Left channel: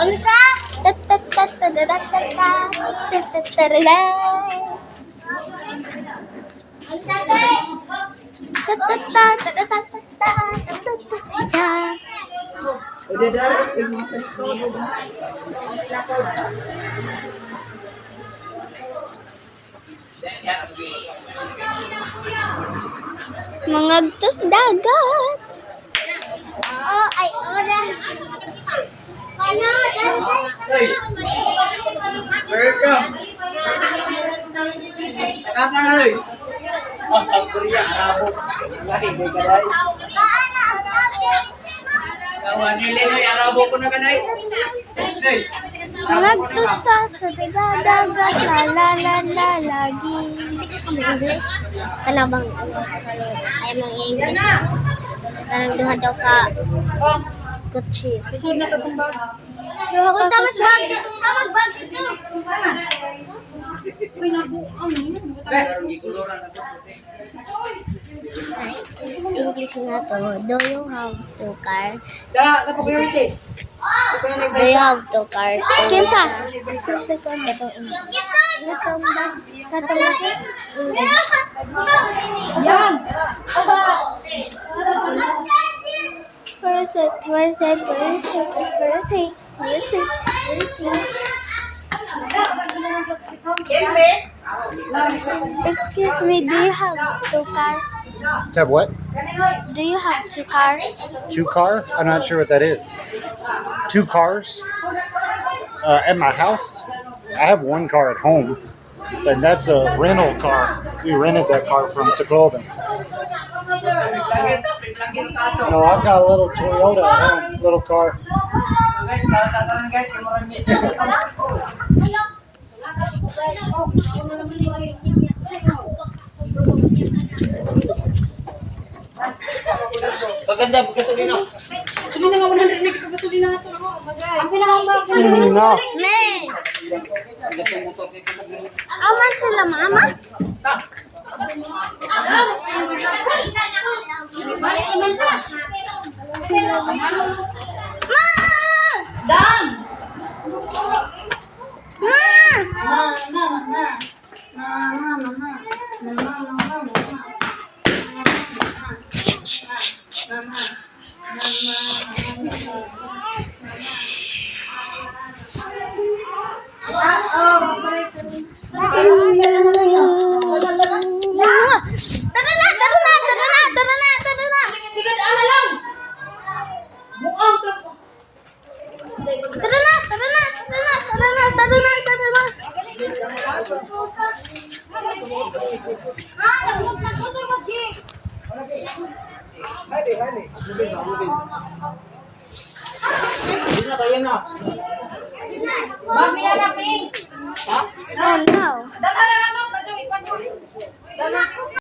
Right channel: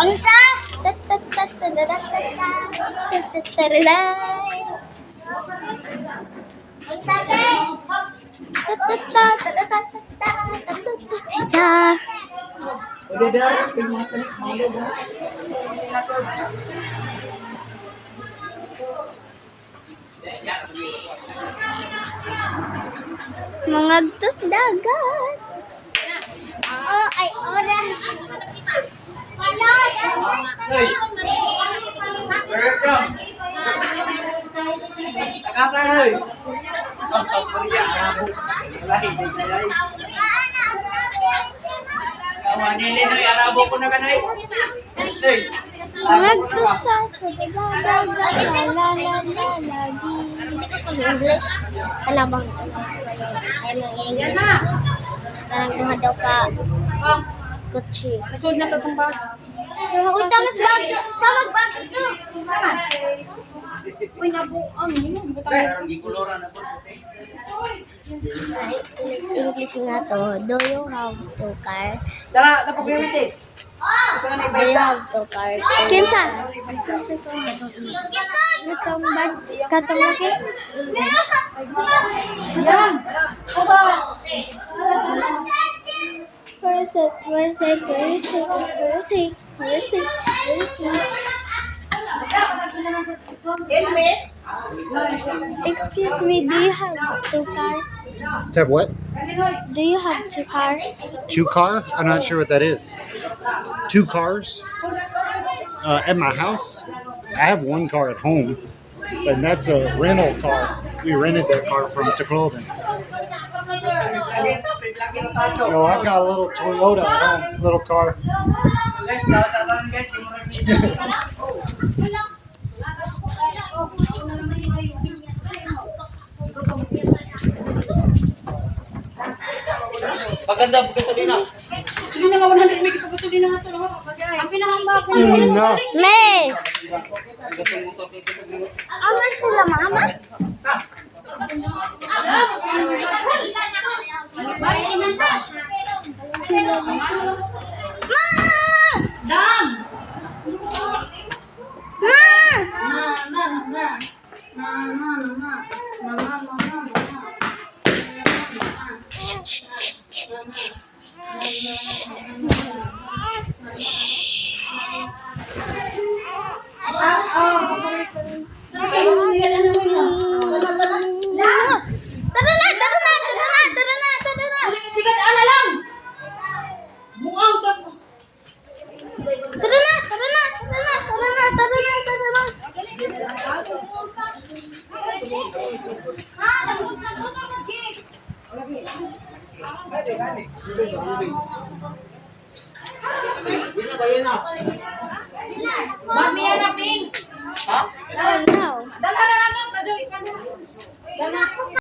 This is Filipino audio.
Unsa? Mangagtos dagat. Oh, ay, wala. Wala, mangagtos sa dagat, la lagi. Hindi ka kami English? Kanabang ayaw mo English. Kanang duha daw ka kutsi. Kasod na sa tumbag. Uy, tamad bag ito. Uy, nabuang. English nga to. Do you have two car? Dala, kapag-unity. Do you have two car? Kimsa? Katong laki? Yan. Where is it? Excuse me, do you have two car? Have what? Do you have two car? 2 cars? I'm not sure what that is. 2 cars? At my house? I have 1 car at home, and that's a rental car. We rented that car from Tacloban. No, I've got a little Toyota at home, little car. Paganda po gasolina. Sabi na nga 100 may kapagkatuli na nga ito. Ang pinakambak. No. May! Aman sila, mama? Sila. Ma! Dam! Sige, ano lang? Buang to. Tara na! Hindi na kaya na. Mami yan na, Pink. Ha? Oh no! Dalhan na ano, tajo, ikan mo. Dalhan.